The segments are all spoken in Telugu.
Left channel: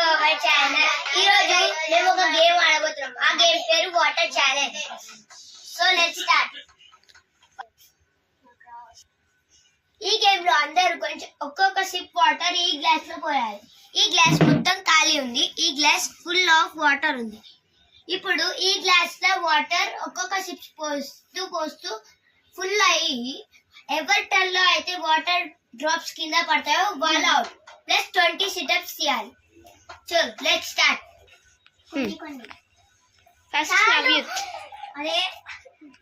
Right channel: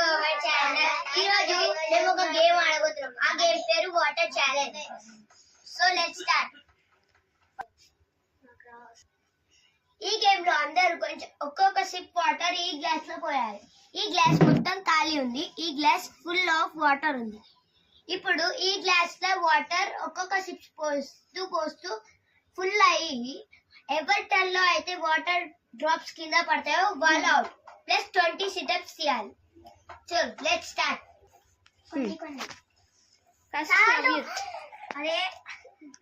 To our channel. ఈ రోజు మేము ఒక గేమ్ ఆడబోతున్నాం. ఆ గేమ్ పేరు water challenge. So let's start. ఈ గేమ్ లో అందరూ కొంచెం ఒక్కొక్క సిప్ వాటర్ ఈ గ్లాస్ లో పోయాలి. ఈ గ్లాస్ మొత్తం ఖాళీ ఉంది. ఈ గ్లాస్ ఫుల్ ఆఫ్ వాటర్ ఉంది. ఇప్పుడు ఈ గ్లాస్ లో వాటర్ ఒక్కొక్క సిప్ పోస్తూ ఫుల్ అయ్యి ఎవరి టర్న్ లో అయితే వాటర్ డ్రాప్స్ కింద పడతాయో వాళ్ళు అవుట్. ప్లస్ 20 సిటప్స్ చేయాలి. చల్ లెట్స్ స్టార్ట్. ఫస్ట్ నవ్యూత్. అరే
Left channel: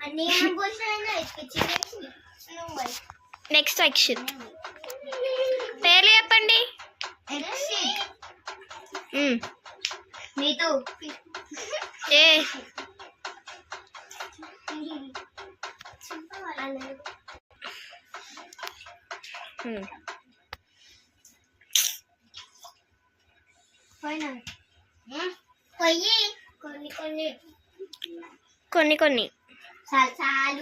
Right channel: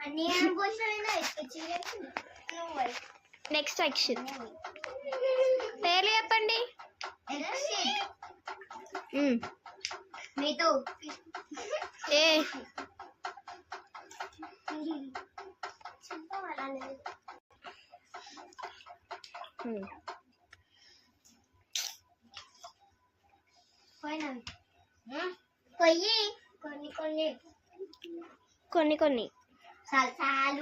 అన్ని ఏం పోసినా నెక్స్ట్ అక్షిత్. పేర్లు చెప్పండి. నీతు ఏ పొయ్యి కొన్ని కొన్ని కొన్ని కొన్ని చాలు.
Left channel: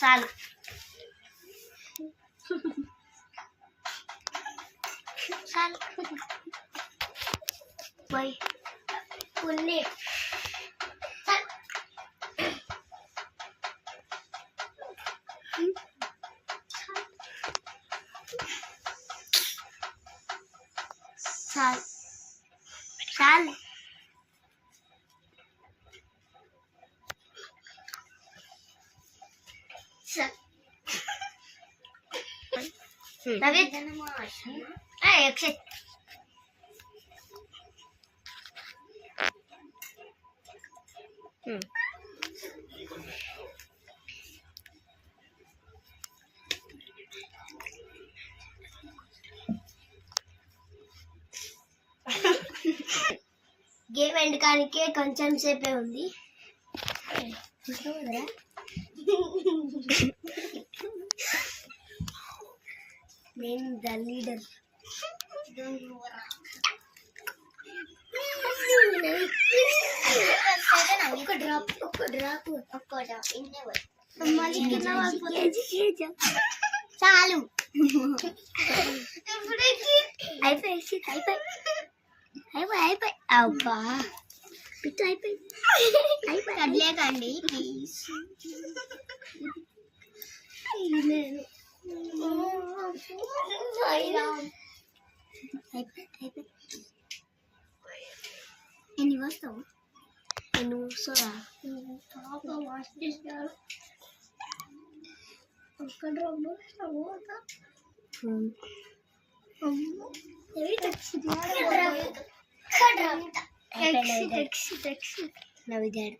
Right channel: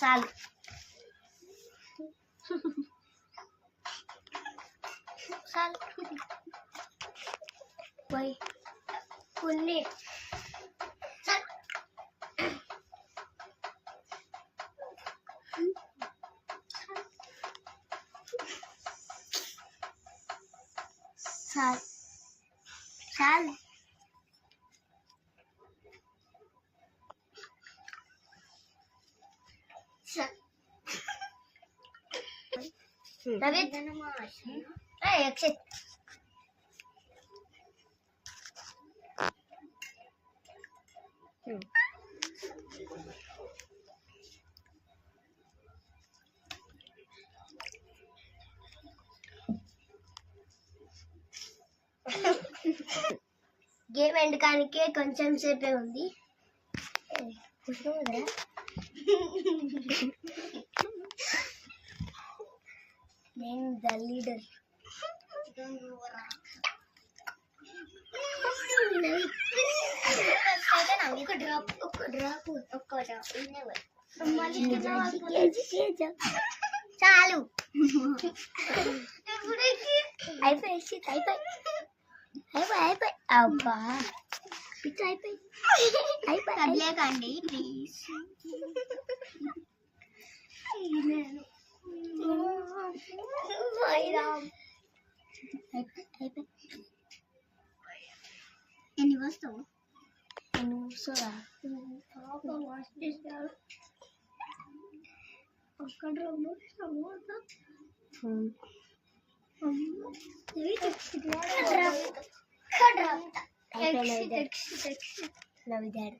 చాలు చాలు పోయి కొన్ని చాలు నవీద్ అక్షిత్ గేమ్ ఎండకానికే కొంచెం సేపే ఉంది. నేను ద లీడర్. ఒక డ్రాప్ చాలు అయిపోయి అబ్బా పిచ్చి అయిపోయి కదలేకండి ప్లీజ్. నేను ఎన్ని వస్తావు ఎన్ని వస్తుందా ఒక్క డ్రాప్ నవిదాడు.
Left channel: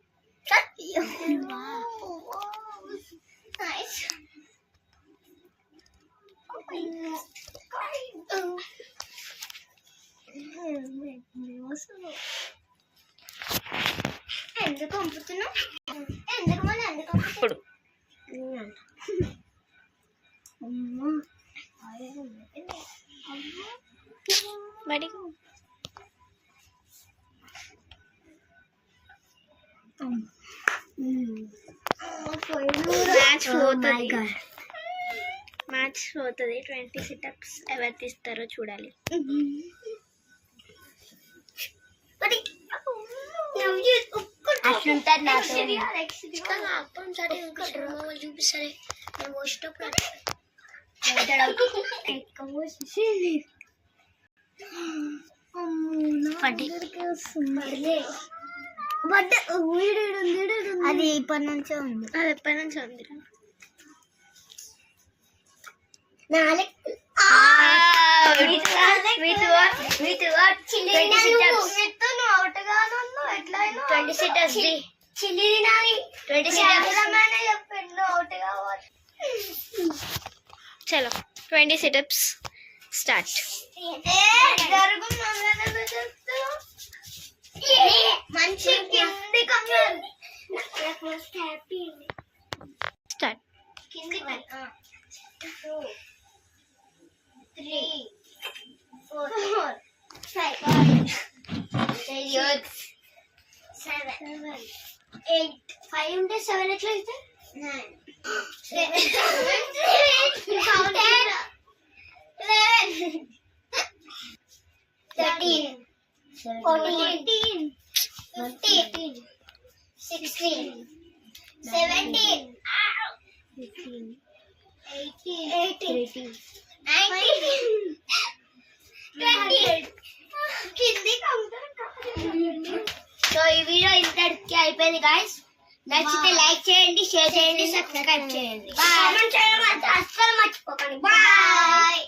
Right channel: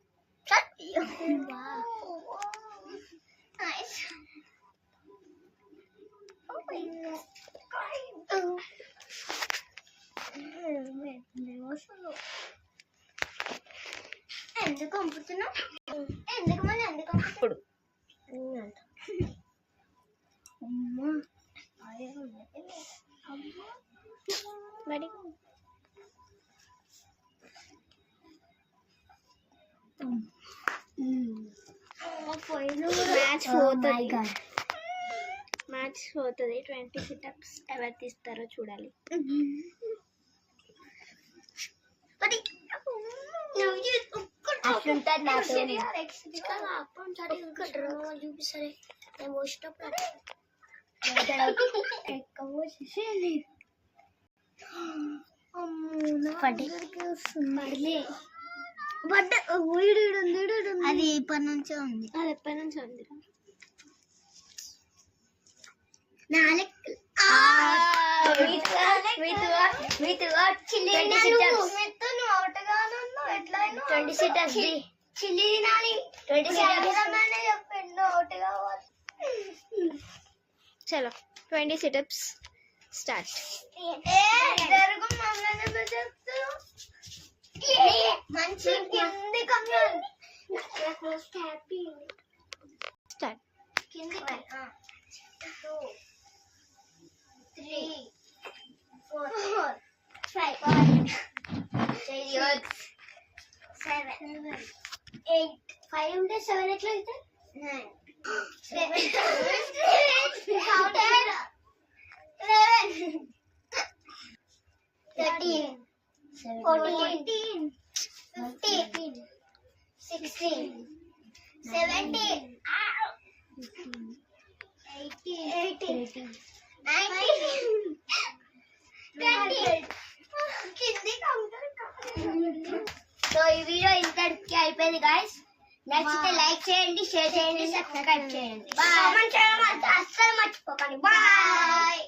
ఎందుకు పంపుతున్నావు? ఎందుకు మళ్ళీ ఎందుకు పంపుతాడు? మరి మ్యాచ్ పోతుంది. 20 సిటప్స్ ఎవరు తీస్తారో చూడాలి. చూపిస్తారే నేను పోసేటప్పుడు అది ఇప్పటి నుంచే ఉంది. అది ఎప్పటి నుంచి ఉంది. చిల్లి తినాలి. 20 చలో 20 సిటప్స్ స్టార్ట్. మంచి స్టార్ట్. కింది 2 3 4 5 6 7 8 5 ఉంటే 7 ఎట్లా అయితే 13 14 15 16 17 18 19 సో ఈ వీడియో ఇంతటికి అయిపోయింది గాయస్. నచ్చితే లైక్ చేయండి, షేర్ చేయండి, సబ్స్క్రైబ్ చేయండి. కామెంట్ చేయడం అస్సలు మర్చిపోకండి. బాయ్.